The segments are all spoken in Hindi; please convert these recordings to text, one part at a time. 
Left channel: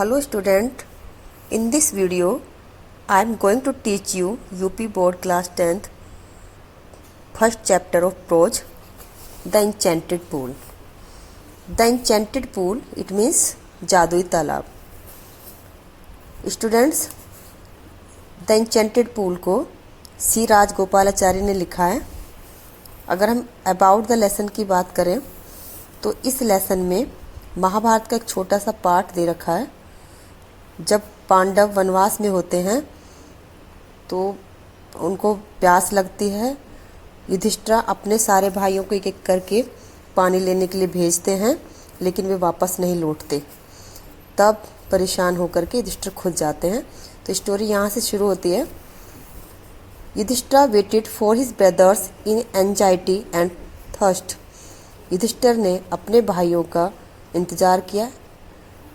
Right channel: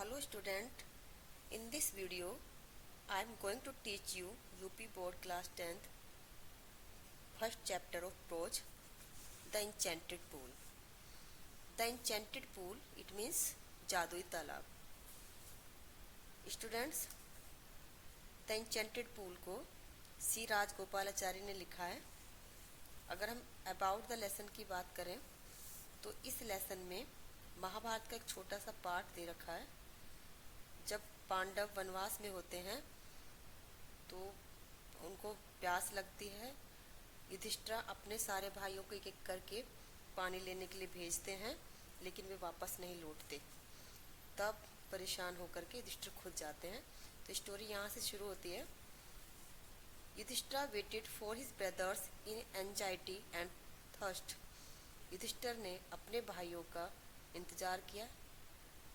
Hello student, in this video I am going to teach you UP Board Class 10th first chapter of prose, The Enchanted Pool. The Enchanted Pool, it means जादुई तालाब. Students, The Enchanted Pool को सी राजगोपालाचारी ने लिखा है. अगर हम अबाउट द लेसन की बात करें तो इस लेसन में महाभारत का एक छोटा सा पार्ट दे रखा है. जब पांडव वनवास में होते हैं तो उनको प्यास लगती है. युधिष्ठिर अपने सारे भाइयों को एक एक करके पानी लेने के लिए भेजते हैं, लेकिन वे वापस नहीं लौटते. तब परेशान होकर के युधिष्ठिर खुद जाते हैं. तो स्टोरी यहाँ से शुरू होती है. Yudhishthir waited for his brothers in anxiety and thirst. Yudhishthir ने अपने भाइयों का इंतज़ार किया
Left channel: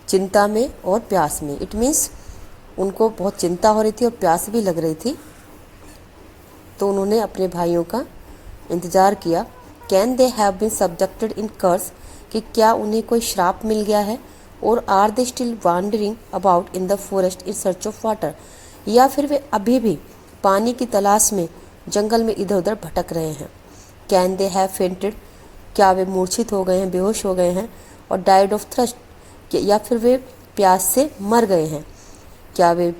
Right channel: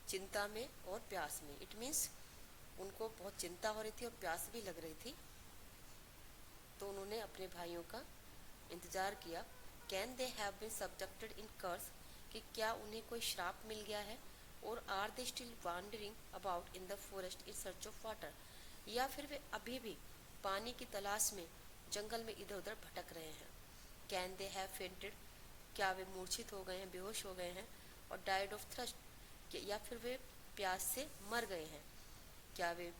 चिंता में और प्यास में. इट मीन्स उनको बहुत चिंता हो रही थी और प्यास भी लग रही थी, तो उन्होंने अपने भाइयों का इंतज़ार किया. Can they have been subjected in curse, कि क्या उन्हें कोई श्राप मिल गया है. और are they still wandering about in the forest in search of water, या फिर वे अभी भी पानी की तलाश में जंगल में इधर उधर भटक रहे हैं. कैन दे हैव फेंटेड, क्या वे मूर्छित हो गए हैं, बेहोश हो गए हैं. और डाइड ऑफ थ्रस्ट, या फिर वे प्यास से मर गए हैं. क्या वे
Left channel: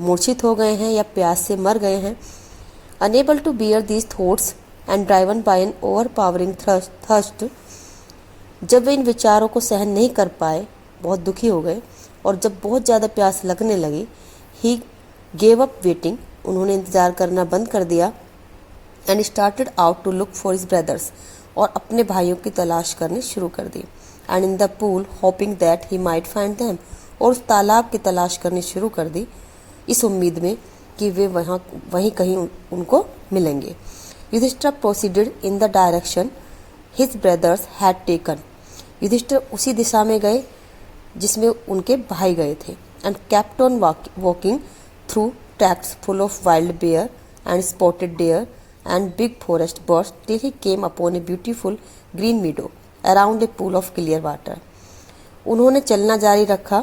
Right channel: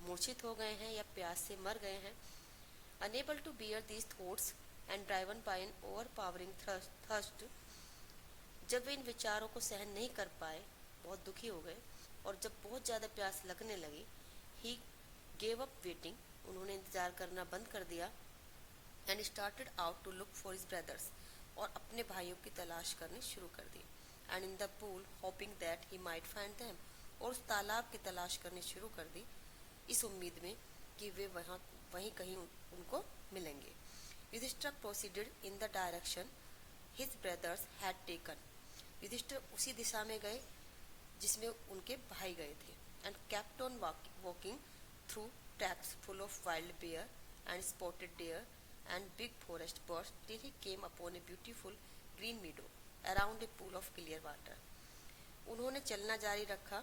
मूर्छित हो गए हैं या प्यास से मर गए हैं. Unable to bear these thoughts and driven by an overpowering thirst, जब वे इन विचारों को सहन नहीं कर पाए, बहुत दुखी हो गए और जब बहुत ज़्यादा प्यास लगने लगी, ही गेव अप वेटिंग, उन्होंने इंतज़ार करना बंद कर दिया. And started out to look for his brothers, और अपने भाइयों की तलाश करनी शुरू कर दी. And in the pool hoping that he might find them, और उस तालाब की तलाश करनी शुरू कर दी इस उम्मीद में कि वे वहीं कहीं उनको मिलेंगे. Yudhishthir proceeded in the direction his brothers had taken. Yudhishthir उसी दिशा में गए जिसमें उनके भाई गए थे. And kept on walking through tracks full of wild bear and spotted deer and big forest birds till he came upon a beautiful green meadow around a pool of clear water. उन्होंने चलना जारी रखा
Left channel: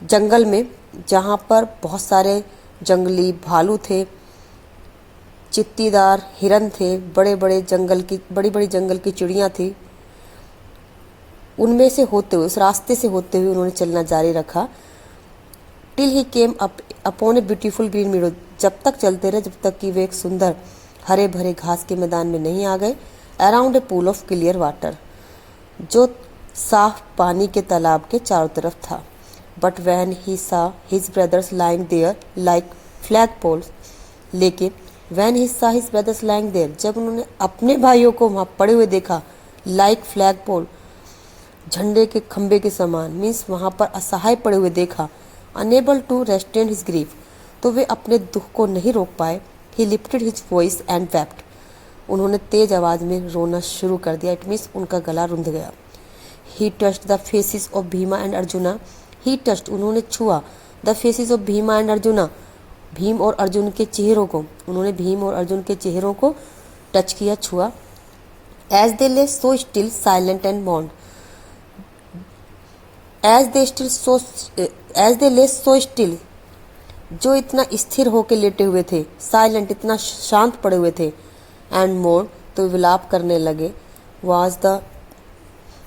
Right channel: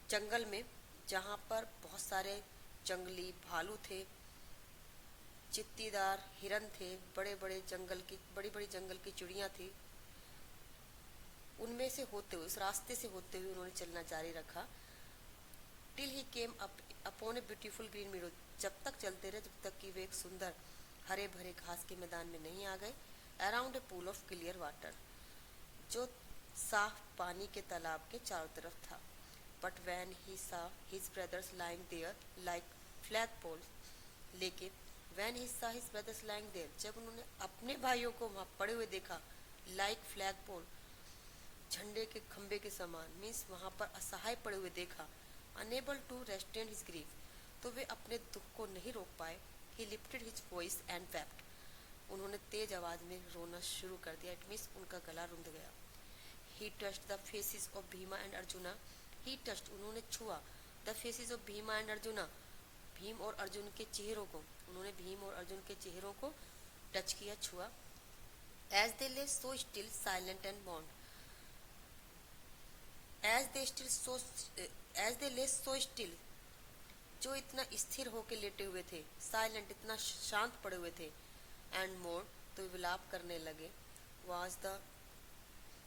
जंगल में, जहाँ पर बहुत सारे जंगली भालू थे, चित्तीदार हिरन थे, बड़ी बड़ी जंगल की चिड़ियाँ थी. उनमें से होते हुए, उस रास्ते से होते हुए उन्होंने चलना जारी रखा. Till he came upon a beautiful green मीडो, जब तक चलते रहे जब तक कि वे एक सुंदर हरे भरे घास के मैदान में नहीं आ गए. Around a pool of clear water, जो साफ पानी के तालाब के चारों तरफ था. But when he saw his brothers lying there like flag poles, लेकिन when he saw his brothers lying there, जब उन्होंने अपने भाइयों को वहाँ पड़े हुए देखा, लाइक फ्लैग पोल, झंडे के खंबे के समान, मीन्स वहाँ पर असहाय पड़े हुए देखा. Unable to restrain his grief, तो वे अपने दुख को नहीं रोक पाए. He lifted his voice and wept, उन्होंने तेज आवाज़ में रोना शुरू कर दिया. इट मीन्स उनका गला रुंध गया. ही touched the faces of Bhima and arjuna, he touched, उन्होंने छुआ, the faces of Bhima and arjuna, Bhim और अर्जुन के चेहरों को, उन्होंने भीम और अर्जुन के चेहरों को टच किया, छुआ. As they lay so still silent and mourned, as they lay so still, जो इतना स्थिर होकर लेटे हुए थे, साइलेंट, इतना शांत पड़े हुए थे, एंड मोर, तो विलाप करने लगे.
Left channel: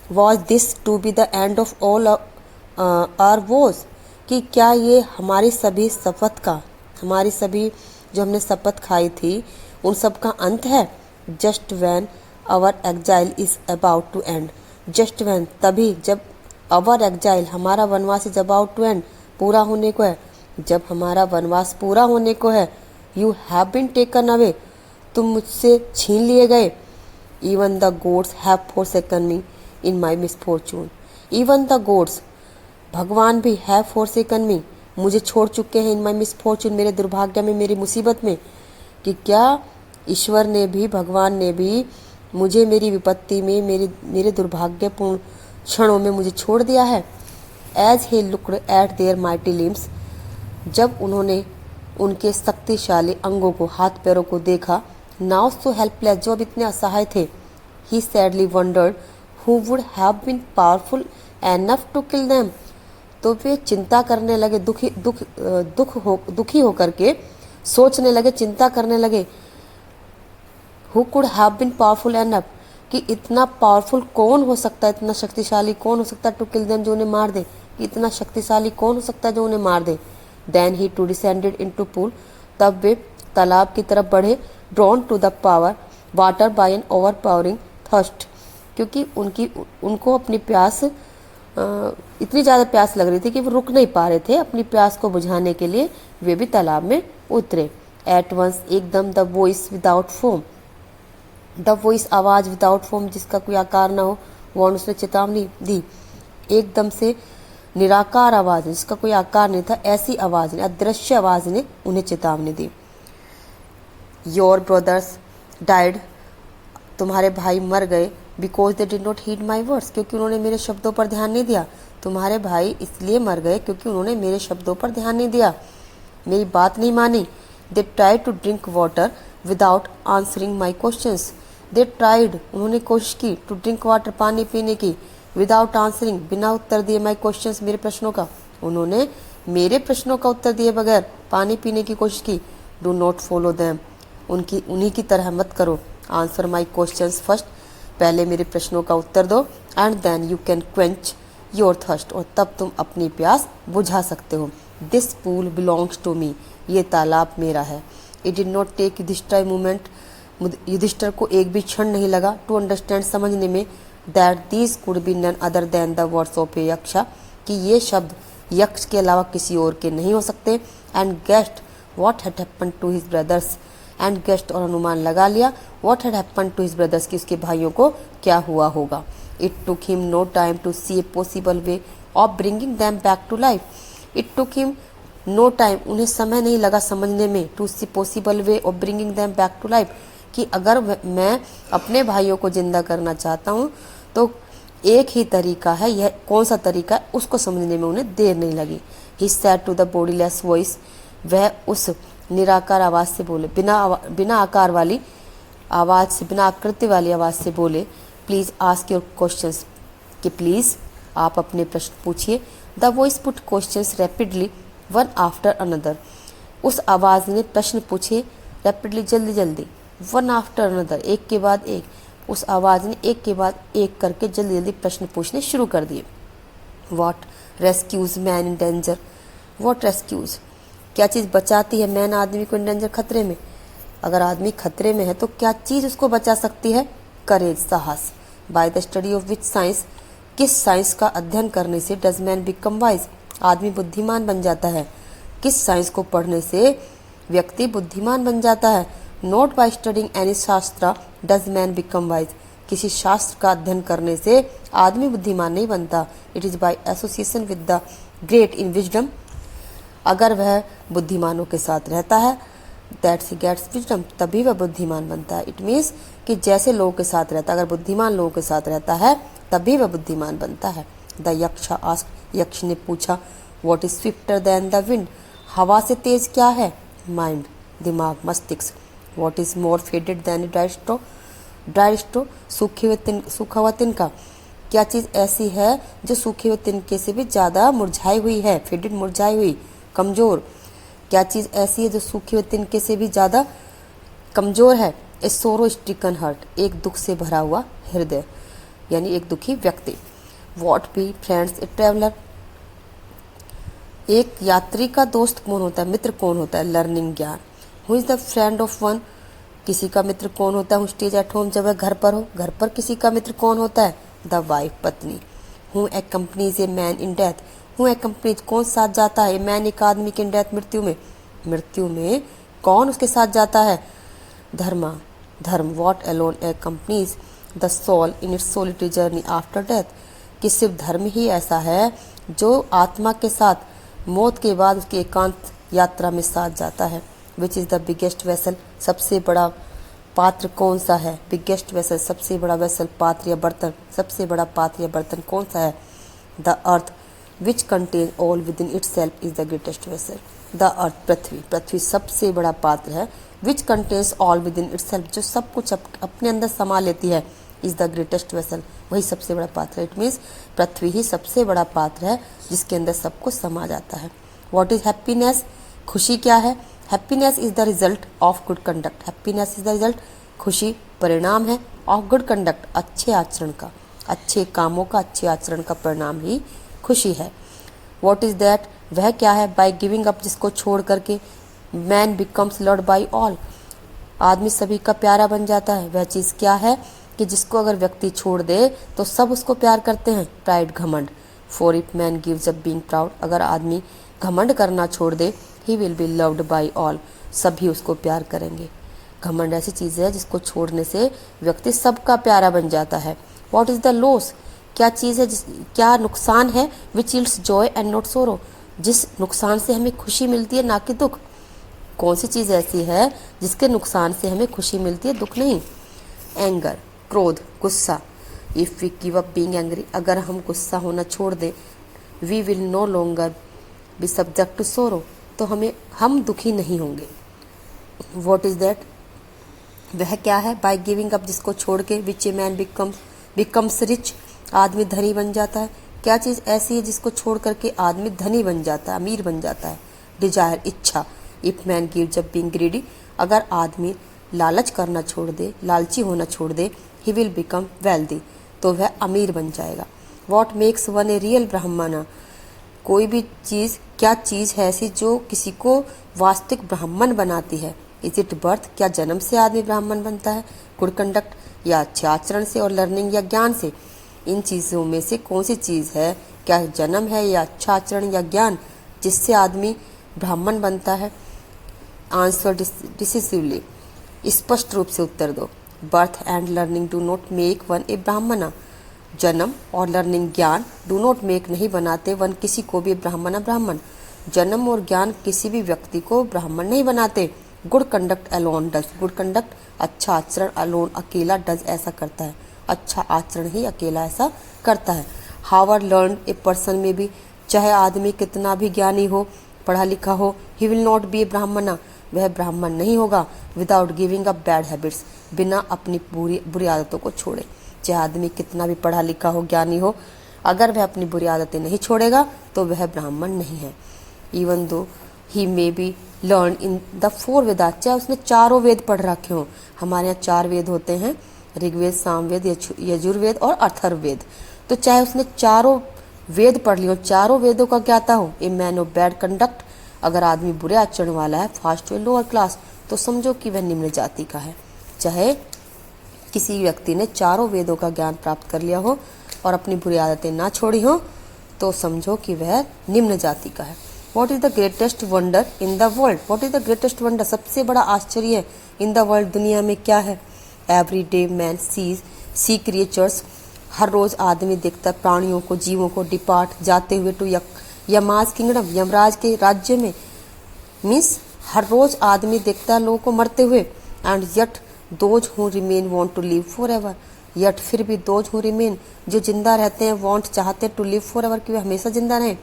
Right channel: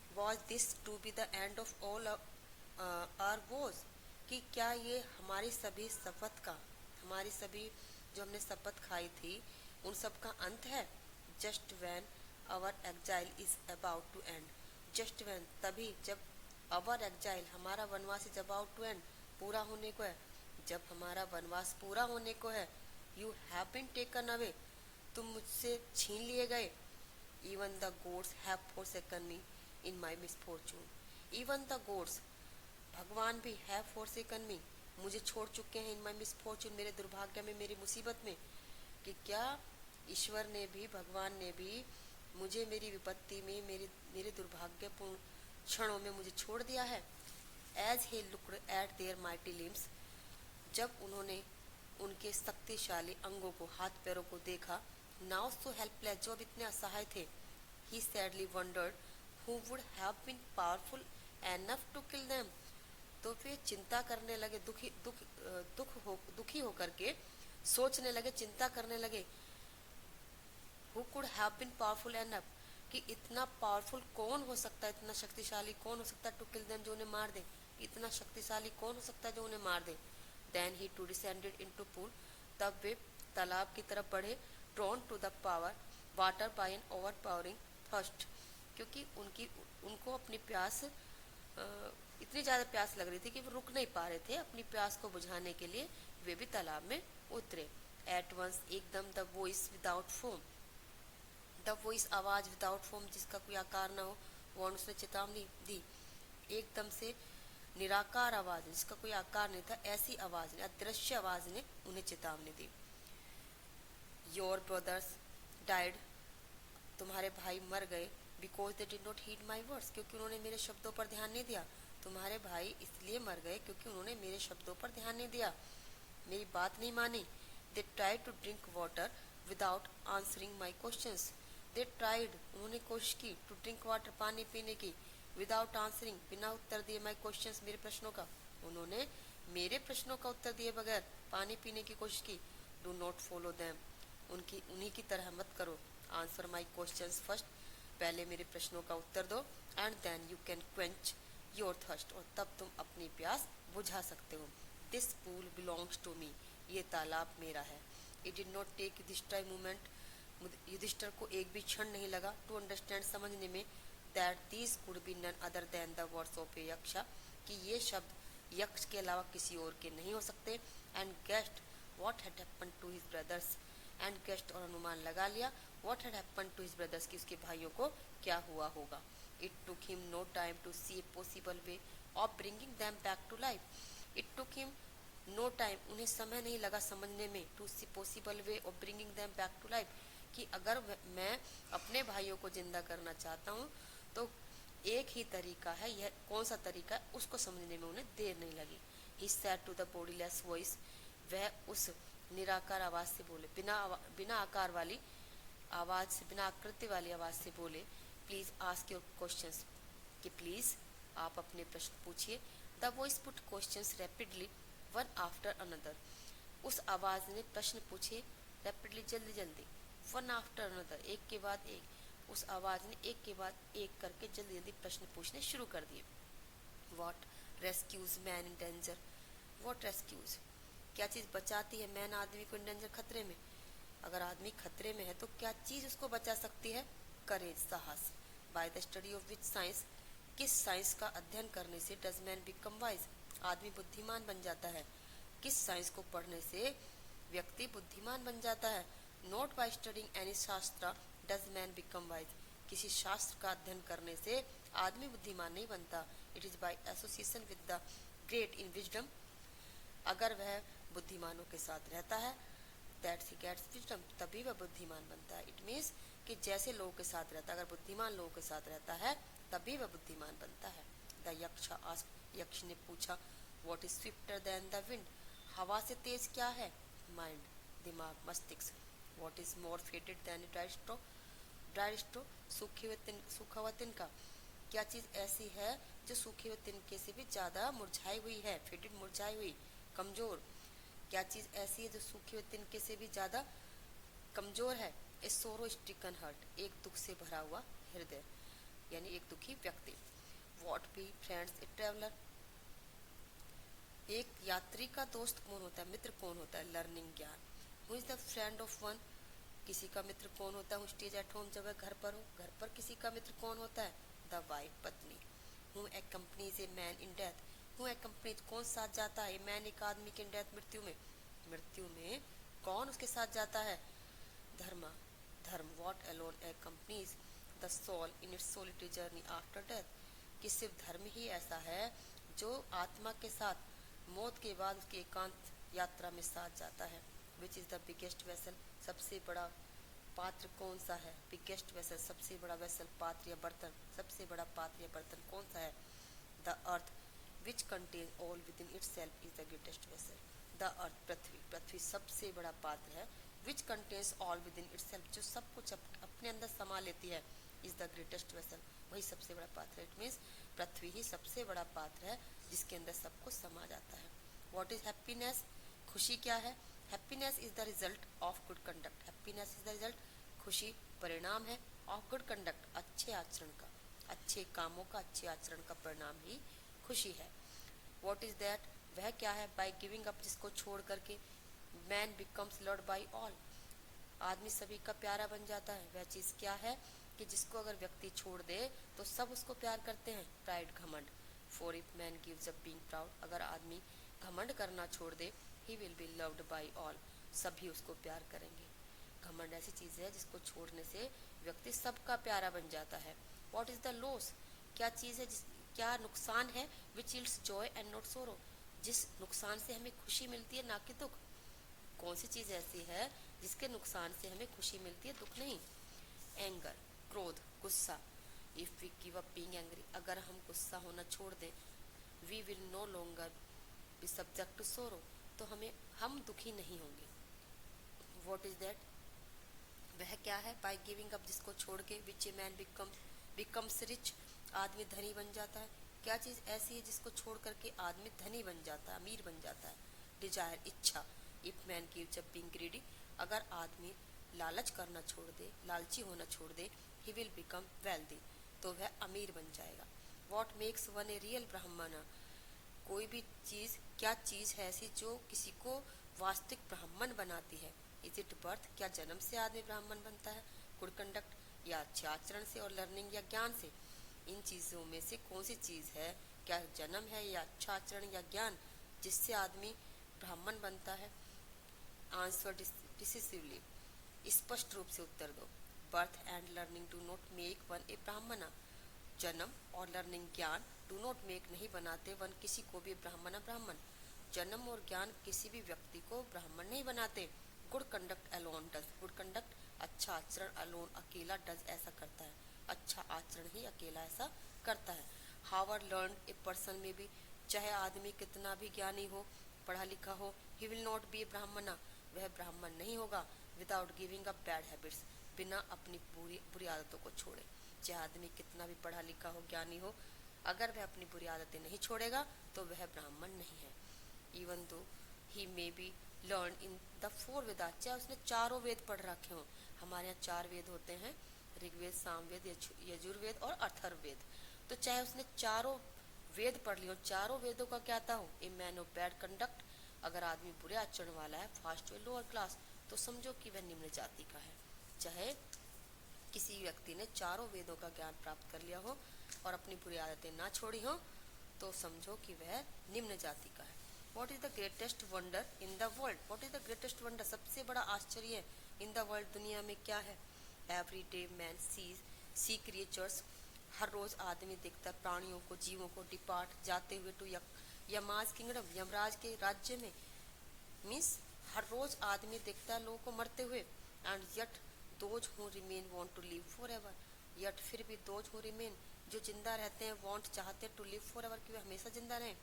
Was this to be the end of all our woes, कि क्या ये हमारी सभी जो हमने शपथ खाई थी उन सब का अंत है. Just when our exile is about to end, just when, तभी जब, आवर एग्जाइल, हमारा वनवास इज अबाउट टू एंड, पूरा होने को है, जब हमारा वनवास पूरा होने को है. You have been taken away, तुम मुझसे छीन लिए गए. Even the gods have forsaken me in my misfortune, even the gods, भगवान भी, हैव फॉरसेकन मी, मुझे छोड़ चुके हैं, इन माई मिसफॉर्चून, मेरे दुर्भाग्य में, मेरी मुसीबत में. कि क्या ईश्वर ने भी, भगवान ने भी मुझे मेरी विपत्ति में, मेरे दुर्भाग्यपूर्ण क्षणों में मुझे छोड़ दिया है. As he looked at their mighty limbs, जब उन्होंने उनके शक्तिशाली अंगों को, हाथ पैरों को देखा. नाउ सो हेल्पलेस, जो अब इतने असहाय थे. He sadly wondered who would have been powerful enough to kill them, तो वे चिंता करने लगे, दुखी होकर के सोचने लगे, चिंता करने लगे। Who could have been powerful enough, कि इतना पावरफुल कौन हो सकता है, इतना शक्तिशाली कौन हो सकता है, टू किल देम, जो उन्हें मार दे, कि इतना शक्तिशाली कौन हो सकता है जो उन्हें मार दे। Then he too descended into pool, तब वे तालाब की तरफ बढ़े। Drawn to the power water by an overpowering thirst, क्योंकि उनको अपनी प्यास इतनी ज़्यादा प्यास लग रही थी कि वो रुक नहीं पा रहे थे। अपनी प्यास को बुझाने के लिए वे भी तालाब में उतरे। एट वंस, एकदम, the voice without foam, the voice आवाज़ विदाउट फोम, जिसका कोई आकार ना हो, वॉर्न, उसने चेतावनी दी। एकदम से निराकार आवाज़, जिसका कोई आकार नहीं था, ऐसी आवाज़ ने, अदृश्य आवाज़ ने उन्हें चेतावनी दी। योर ब्रदर्स डाइड, तुम्हारे भाई मर गए। Because they did not heed my words, क्योंकि उन्होंने मेरे शब्दों पर ध्यान नहीं दिया। तुम्हारे भाई इसलिए मर गए क्योंकि उन्होंने मेरे शब्दों पर ध्यान नहीं दिया, मेरी बात नहीं मानी। They tried to drink water without answering my questions, they tried, उन्होंने कोशिश की, टू ड्रिंक वाटर, पानी पीने की, विदाउट आंसरिंग, बिना उत्तर दिए, माई क्वेश्चंस, मेरे प्रश्नों का, उन्होंने मेरे प्रश्नों का उत्तर दिए बगैर पानी पीने की कोशिश की। डू नॉट फॉलो दैम, उन्हीं की तरह मत करो। आंसर माई क्वेश्चंस फर्स्ट, पहले मेरे प्रश्नों का उत्तर दो। And then you can quench your thirst, और तब तुम अपनी प्यास बुझा सकते हो। This pool belongs to me, ये तालाब मेरा है। It did not take Yudhishthira movement, Yudhishthira को एक भी क्षण नहीं लगा, टू अंडरस्टैंड, समझने में, that these could be none other than the words of a yaksha, कि ये शब्द यक्ष के अलावा किसी और के नहीं हो सकते। And guessed what had happened to his brothers, and guessed, और अनुमान लगा लिया, what had happened to his brothers, कि उसके भाइयों को क्या हुआ होगा। It took him no time to see a possible way of bringing them back to life, it took him no time, उन्हें समय नहीं लगा समझने में, to see possible way of bringing them back to life, कि अगर मैं अपने भाइयों को जिंदा करना चाहता हूँ तो एक ही तरीका है, यह कौन सा तरीका है, उसको समझने में उन्हें देर नहीं लगी। He said to the bodiless voice, वह उस निराकार आवाज़ से बोले, बिना आकार वाली आवाज़ से, बिना आकृति वाली आवाज़ से बोले, प्लीज़ आस्क योर क्वेश्चंस, कि प्लीज़ आप अपने प्रश्न पूछिए। The voice put questions rapidly one after another, उस आवाज़ ने प्रश्न पूछे रैपिडली, जल्दी जल्दी, वन आफ्टर अनदर, एक के बाद एक, उस आवाज़ ने एक के बाद एक करके जल्दी जल्दी प्रश्न पूछने शुरू कर दिए। What rescues man in danger, what rescues, क्या चीज़ बचाती है मैन, आदमी को, इन डेंजर, खतरे में, अगर आदमी खतरे में है तो क्या चीज़ उसको बचा सकती है, करेज, साहस। By the study of which science, किस साइंस का अध्ययन करने से डज मैन बिकम वाइज, आदमी बुद्धिमान बन जाता है, किस साइंस को पढ़ने से व्यक्ति बुद्धिमान बन जाता है। नॉट बाय स्टडिंग एनी शास्त्र डज मैन बिकम वाइज, किसी शास्त्र का अध्ययन करने से आदमी बुद्धिमान नहीं बनता। It is by association with the great in wisdom, अगर वह बुद्धिमानों के साथ रहता है, दैट्स ही गेट्स विजडम, तभी वह बुद्धिमान बनता है। इट मीन्स कि जैसे लोगों के साथ रहता है, अगर बुद्धिमान लोगों के साथ रहता है तभी वह बुद्धिमान बनता है। द यक्षा आस्क, यक्ष ने पूछा, what is swifter than the wind, हवा से तेज क्या है, माइंड, दिमाग, मस्तिष्क। What is more faded than dry straw, dry straw, सूखा हुआ तिनका, क्या चीज़ ऐसी है जो सूखे हुए तिनके से भी ज़्यादा मुरझाई हुई है, फेडेड, मुरझाई हुई, कमज़ोर, क्या चीज़ ऐसी है जो सूखे हुए तिनके से भी ज़्यादा कमज़ोर है। ए सोरो स्ट्रिकन हर्ट, एक दुख से भरा हुआ हृदय, यानी एक दुखी व्यक्ति। What be friends a traveller, एक यात्री का दोस्त कौन होता है, मित्र कौन होता है, लर्निंग, ज्ञान। Who is the friend of one, किसी का मित्र कौन होता है, हु स्टेज एट होम, जब वह घर पर हो, घर पर किसी का मित्र कौन होता है, द वाइफ, पत्नी। Who accompanies a man in death, who accompanies, कौन साथ जाता है, मैन, एक आदमी की, इन डेथ, मृत्यु में, मृत्यु में कौन उसके साथ जाता है, धर्मा, धर्म। What alone accompanies the soul in its solitary journey after death, कि सिर्फ धर्म ही ऐसा है जो आत्मा के साथ मौत के बाद उसकी एकांत यात्रा में साथ जाता है। Which is the biggest vessel, सबसे बड़ा पात्र कौन सा है, बिगेस्ट वेसल, सबसे बड़ा वेसल, पात्र या बर्तन, सबसे बड़ा पात्र या बर्तन कौन सा है, the earth which contain all within itself is the greatest vessel, the earth, पृथ्वी, पृथ्वी सबसे बड़ा पात्र है, which contains all within itself, जो सब कुछ अपने अंदर समा लेती है, इज़ द ग्रेटेस्ट वेसल, वही सबसे बड़ा पात्र है। इट मीन्स पृथ्वी ही सबसे बड़ा पात्र है जिसके अंदर सब कुछ समा जाता है। व्हाट इज़ हैप्पीनेस, खुशी क्या है? Happiness is the result of good conduct. Happiness is the result, खुशी परिणाम है ऑफ गुड कंडक्ट, अच्छे आचरण का, अच्छे कामों का, अच्छे आचरण का परिणाम ही खुशी है। व्हाट इज़ दैट, वह क्या है? बाय गिविंग अप, जिसको छोड़ करके man becomes loved by all, आदमी सभी का प्यारा बन जाता है। वह चीज़ क्या है कि जिसको अगर व्यक्ति छोड़ दे तो सब उसको प्यार करते हैं। प्राइड, घमंड। For if man gives up being proud, अगर आदमी घमंड करना छोड़ दे, he will be loved by all, सभी उसको प्यार करेंगे। घमंड ऐसी चीज़ है जिसको छोड़ने से व्यक्ति सबका प्यारा बन जाता है। व्हाट इज़ द लॉस, क्या चीज़ है क्या नुकसान है? Which yields Joy and not sorrow, जिस नुकसान से हमें खुशी मिलती है ना कि दुख। कौन सी चीज़ ऐसी है जिसके नुकसान से हमें खुशी मिलती है, दुख नहीं? एंगर, क्रोध, गुस्सा। If we give up being angry, अगर हम गुस्सा होना छोड़ दें, we will no longer be subject to sorrow, तो हम दुखी नहीं होंगे। व्हाट इज़ दैट, वह क्या है? बाय गिविंग अप, जिसको छोड़ के, विच ए मैन बिकम्स रिच, आदमी धनी बन जाता है। क्या चीज़ ऐसी है जिसको छोड़ करके आदमी धनी बन जाता है, अमीर बन जाता है? डिजायर, इच्छा। If man gives up being greedy, अगर आदमी लालच करना छोड़ दे, लालची होना छोड़ दे, ही विल बिकम वेल्दी, तो वह अमीर बन जाएगा। What makes one a real ब्राह्मण, कोई भी चीज़, क्या चीज़ है ऐसी जो किसी को वास्तविक ब्राह्मण बनाती है? इज इट बर्थ, क्या जन्म से आदमी ब्राह्मण बनता है? गुड कंडक्ट, या अच्छे आचरण से, और लर्निंग या ज्ञान से। इन चीज़ों में से कौन सी चीज़ है, क्या जन्म है या अच्छा आचरण या ज्ञान, जिससे आदमी ब्राह्मण बनता है? आंसर डिसिसिवली, स्पष्ट रूप से उत्तर दो। Birth and learning do not make one a Brahmin, जन्म और लर्निंग, ज्ञान, डू नॉट मेक, नहीं बनाते, वन, किसी को भी, ब्राह्मण। जन्म और ज्ञान किसी भी व्यक्ति को ब्राह्मण नहीं बनाते। Good conduct alone does, good conduct, अच्छा आचरण, अलोन, अकेला, डज, ऐसा करता है, अच्छा आचरण ही अकेला ऐसा करता है। हावर लर्न ए पर्सन में भी, चाहे आदमी कितना भी ज्ञानी हो, पढ़ा लिखा हो, ही विल नॉट बी ए ब्राह्मण, वह ब्राह्मण नहीं होगा। Without giving up bad habits, बिना अपनी बुरी आदतों को छोड़े। चाहे आदमी कितना भी पढ़ा लिखा हो, ज्ञानी हो, अगर वह अपनी बुरी आदतें नहीं छोड़ेगा तो वह ब्राह्मण नहीं है। Even though he may be learn in the 4 Vedas, चाहे उसने चारों वेद पढ़ रखे हों। हमारे यहाँ 4 वेद होते हैं, ऋग्वेद, सामवेद, यजुर्वेद और अथर्ववेद। तो चाहे उसने चारों वेद पढ़ लियो, चारों वेदों का ज्ञाता हो, a man of bad conduct, अगर आदमी बुरे आचरण वाला है, फास्ट टू लोअर क्लास, तो समझो कि वह निम्न जाति का है। चाहे किसी व्यक्ति ने चारों वेदों का ज्ञान प्राप्त कर लिया हो और अपनी बुरी आदतें ना छोड़ी हो, तो समझो कि वह निम्न जाति का है। What is the greatest wonder in the world, what is the greatest wonder, सबसे बड़ा आश्चर्य इन द वर्ल्ड, दुनिया में क्या है? Every day man sea creatures, हर रोज़ आदमी देखता है प्राणियों को, जीवों को, डिपार्ट, जाते हुए टू यमाज किंगडम, यमराज के राज्य में। मीन्स हर रोज़ आदमी देखता है लोगों को मरते हुए। And yet those who remain want to live forever, yet फिर भी दोज हु रिमेन, जो जिंदा रहते हैं, वांट, चाहते टू लिव फॉर एवर, कि वे हमेशा जिंदा रहें।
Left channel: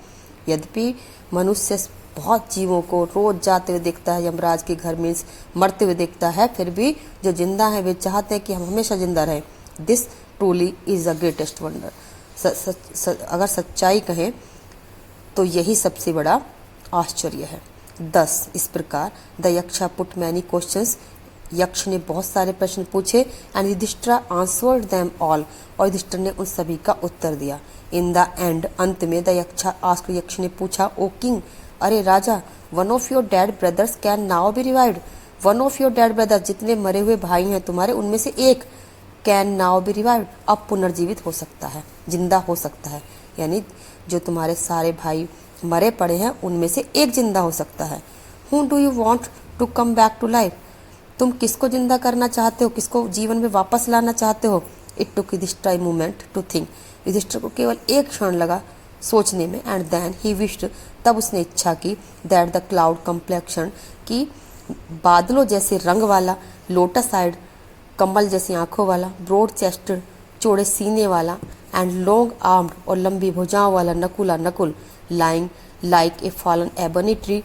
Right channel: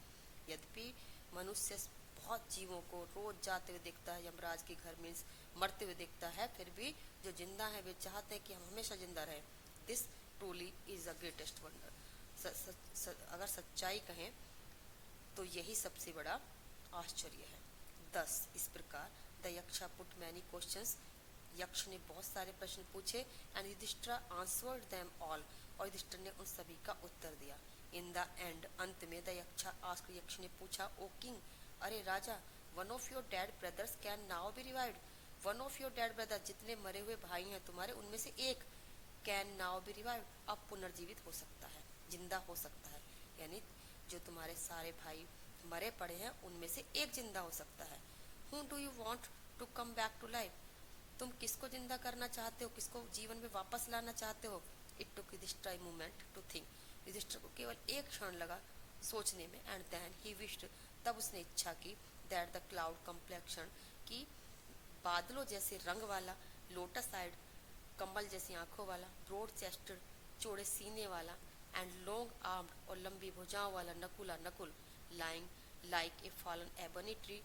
यद्यपि मनुष्य बहुत जीवों को रोज जाते हुए देखता है यमराज के घर में, मरते हुए देखता है, फिर भी जो जिंदा है वे चाहते हैं कि हम हमेशा जिंदा रहें। This truly is the greatest wonder, अगर सच्चाई कहें तो यही सबसे बड़ा आश्चर्य है। 10 इस प्रकार the Yaksha put many questions, Yaksha ने बहुत सारे प्रश्न पूछे, and Yudhishthira answered them all, और युधिष्ठिर ने उन सभी का उत्तर दिया। इन द एंड, अंत में, द यक्षा आस्क्ड, यक्ष ने पूछा, ओ किंग, अरे राजा, one of your dead brothers can now be revived, one of your dead brothers, जितने मरे हुए भाई हैं तुम्हारे, उनमें से एक, कैन नाउ बी रिवाइव्ड, अब पुनर्जीवित हो सकता है, जिंदा हो सकता है। यानी जो तुम्हारे सारे भाई मरे पड़े हैं उनमें से एक जिंदा हो सकता है। Who do you want to come back to life, तुम किसको जिंदा करना चाहते हो, किसको जीवन में वापस लाना चाहते हो? It took Yudhishthira a moment to think, Yudhishthira को केवल एक क्षण लगा सोचने में। एंड देन ही विश्ड, तब उसने इच्छा की, दैट द क्लाउड कम्प्लेक्शन, की बादलों जैसे रंग वाला, लोटस आइड, कमल जैसी आंखों वाला, ब्रॉड चेस्टेड, चौड़े सीने वाला, एंड लॉन्ग आर्म्ड, और लंबी भुजाओं वाला, Nakul, lying like a fallen ebony tree,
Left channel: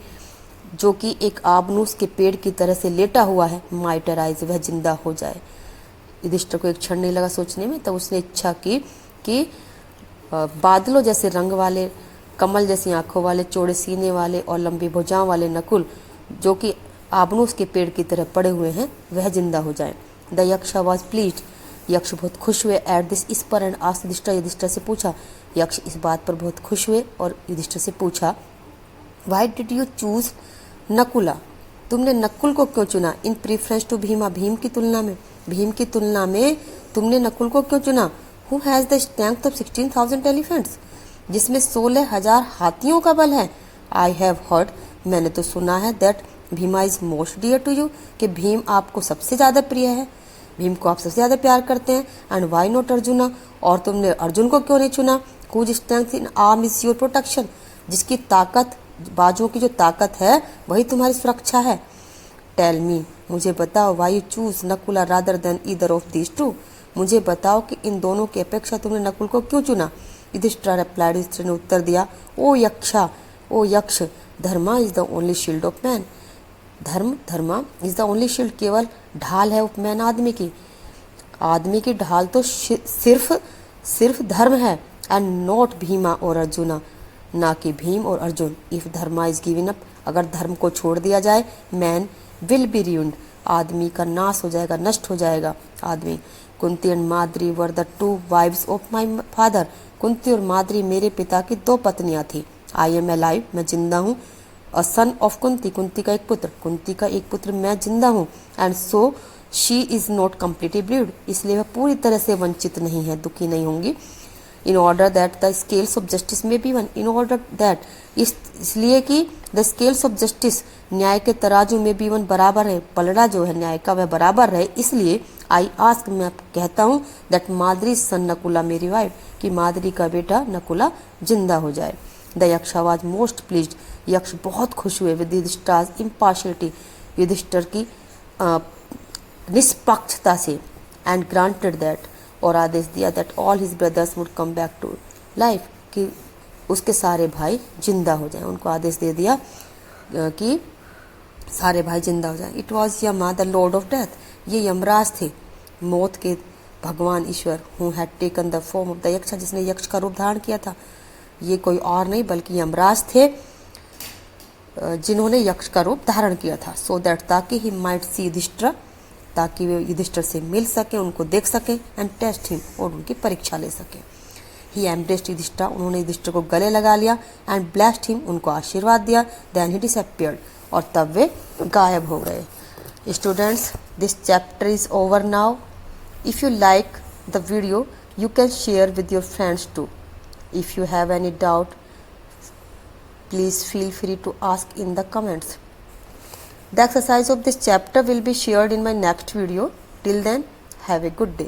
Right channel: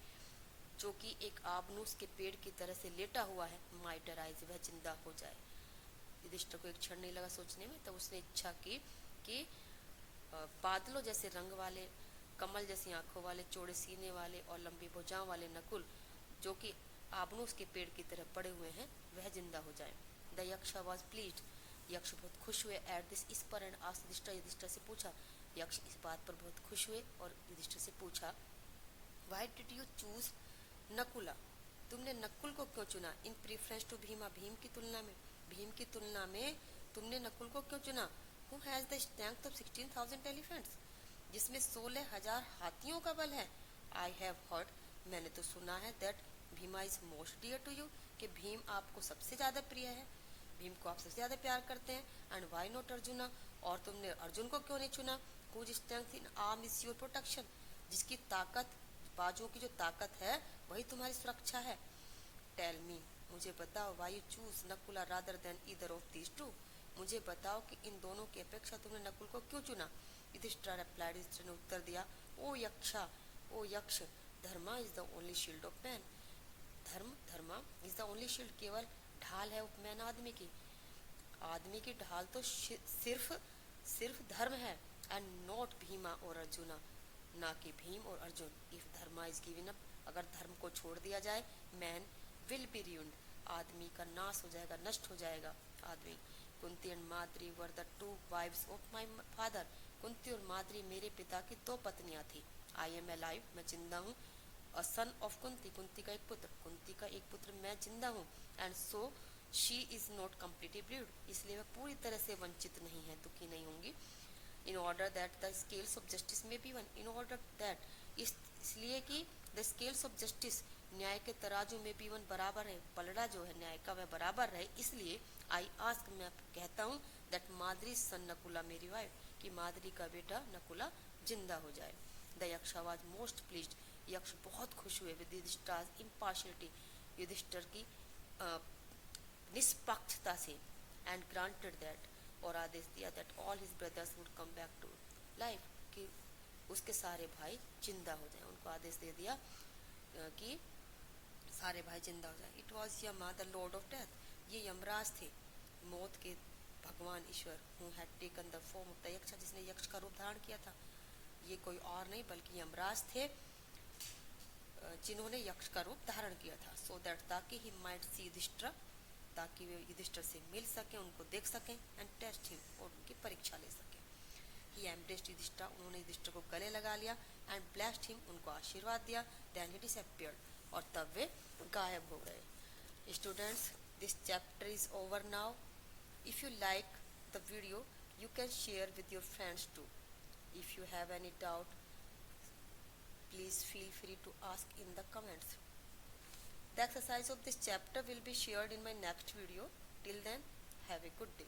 जो कि एक आबनूस के पेड़ की तरह से लेटा हुआ है, माइट अराइज, वह जिंदा हो जाए। युधिष्ठिर को एक क्षण नहीं लगा सोचने में। तब उसने इच्छा की कि बादलों जैसे रंग वाले, कमल जैसी आंखों वाले, चौड़े सीने वाले और लंबी भुजाओं वाले नकुल, जो कि आबनूस के पेड़ की तरह पड़े हुए हैं, वह जिंदा हो जाए। द यक्ष वॉज प्लीज्ड, यक्ष बहुत खुश हुए एट दिस इस पर एंड आस्क्ड युधिष्ठिर, युधिष्ठिर से पूछा, यक्ष इस बात पर बहुत खुश हुए और युधिष्ठिर से पूछा, why did you choose Nakula, तुमने नकुल को क्यों चुना, इन प्रीफरेंस टू भीमा, भीम की तुलना में, भीम की तुलना में तुमने नकुल को क्यों चुना, who has the strength of 16,000 elephants, जिसमें 16,000 हाथियों का बल है। आई हैव हर्ड, मैंने तो सुना है, that Bhima is most dear to you, कि भीम आपको सबसे ज़्यादा प्रिय है, भीम को आप सबसे ज़्यादा प्यार करते हैं। एंड वाई नॉट अर्जुना, और तुमने अर्जुन को क्यों नहीं चुना, whose strength in arm is your protection, जिसकी ताकत, बाजुओं की जो ताकत है वही तुम्हारी सुरक्षा है। टेल मी, मुझे बताओ, why you choose Nakula rather than either of these two, मुझे बताओ कि इन दोनों की अपेक्षा तुमने नकुल को क्यों चुना। युधिष्ठिर रिप्लाइड, युधिष्ठिर ने उत्तर दिया, ओ यक्षा, ओ यक्ष, dharma is the only shield of man, dharma is the only shield, केवल ढाल है उपमैन आदमी की, आदमी की ढाल तो सिर्फ धर्म है, एंड नॉट भीमा और अर्जुना, ना कि भीम और Arjun. If Dharma is given up, अगर धर्म को छोड़ दिया जाए, मैन विल बी ruined, आदमी का नाश हो जाएगा, नष्ट हो जाएगा आदमी। Kunti and Madri were the two wives of my father, Kunti और माद्री मेरे पिता की 2 पत्नियां थी। आई एम अलाइव, मैं जिंदा हूँ। अ सन ऑफ कुंती, कुंती का एक पुत्र, कुंती का एक पुत्र, मैं जिंदा हूँ। And so she is not completely breed, इसलिए वह पूरी तरह से वंचित नहीं है, दुखी नहीं होंगी। In order that the scales of justice may be even, in order that, इसलिए कि द स्केल्स ऑफ जस्टिस, न्याय के तराजू में बी वन, बराबर है, पलड़ा जो है न्याय का वह बराबर रहे, इसलिए आई आस्क, मैं कहता हूँ, दैट माद्री सन नकुला मेरी वाइफ, कि माद्री का बेटा नकुला जिंदा हो जाए। द यक्ष वाज मोस्ट प्लीज्ड, यक्ष बहुत खुश हुए विद युधिष्ठिर इम्पार्शियलिटी, युधिष्ठिर की निष्पक्षता से, एंड ग्रांटेड दैट, और आदेश दिया, that all his brothers would come back to life, कि उसके सारे भाई जिंदा हो जाएं, उनको आदेश दे दिया कि सारे भाई जिंदा हो जाएं। It was Yama the lord of death, ये यमराज थे, मौत के भगवान ईश्वर, who had taken the form of the yaksha, जिसने यक्ष का रूप धारण किया था। ये कोई और नहीं बल्कि यमराज थे, जिन्होंने यक्ष का रूप धारण किया था। सो दैट, ताकि ही माइट सी युधिष्ठिर, ताकि वे युधिष्ठिर से मिल सके, उनको देख सके, एंड टेस्ट हिम, और उनकी परीक्षा ले सके। ही एम्ब्रेस्ड युधिष्ठिर, उन्होंने युधिष्ठिर को गले लगा लिया, एंड ब्लेस्ड हिम, उनको आशीर्वाद दिया। देन ही डिसअपीयर्ड, और तब वे गायब हो गए। Students, this chapter is over now. If you like the video, you can share with your friends too. If you have any doubt, please feel free to ask in the comments. The exercise of this chapter will be shared in my next video. Till then, have a good day.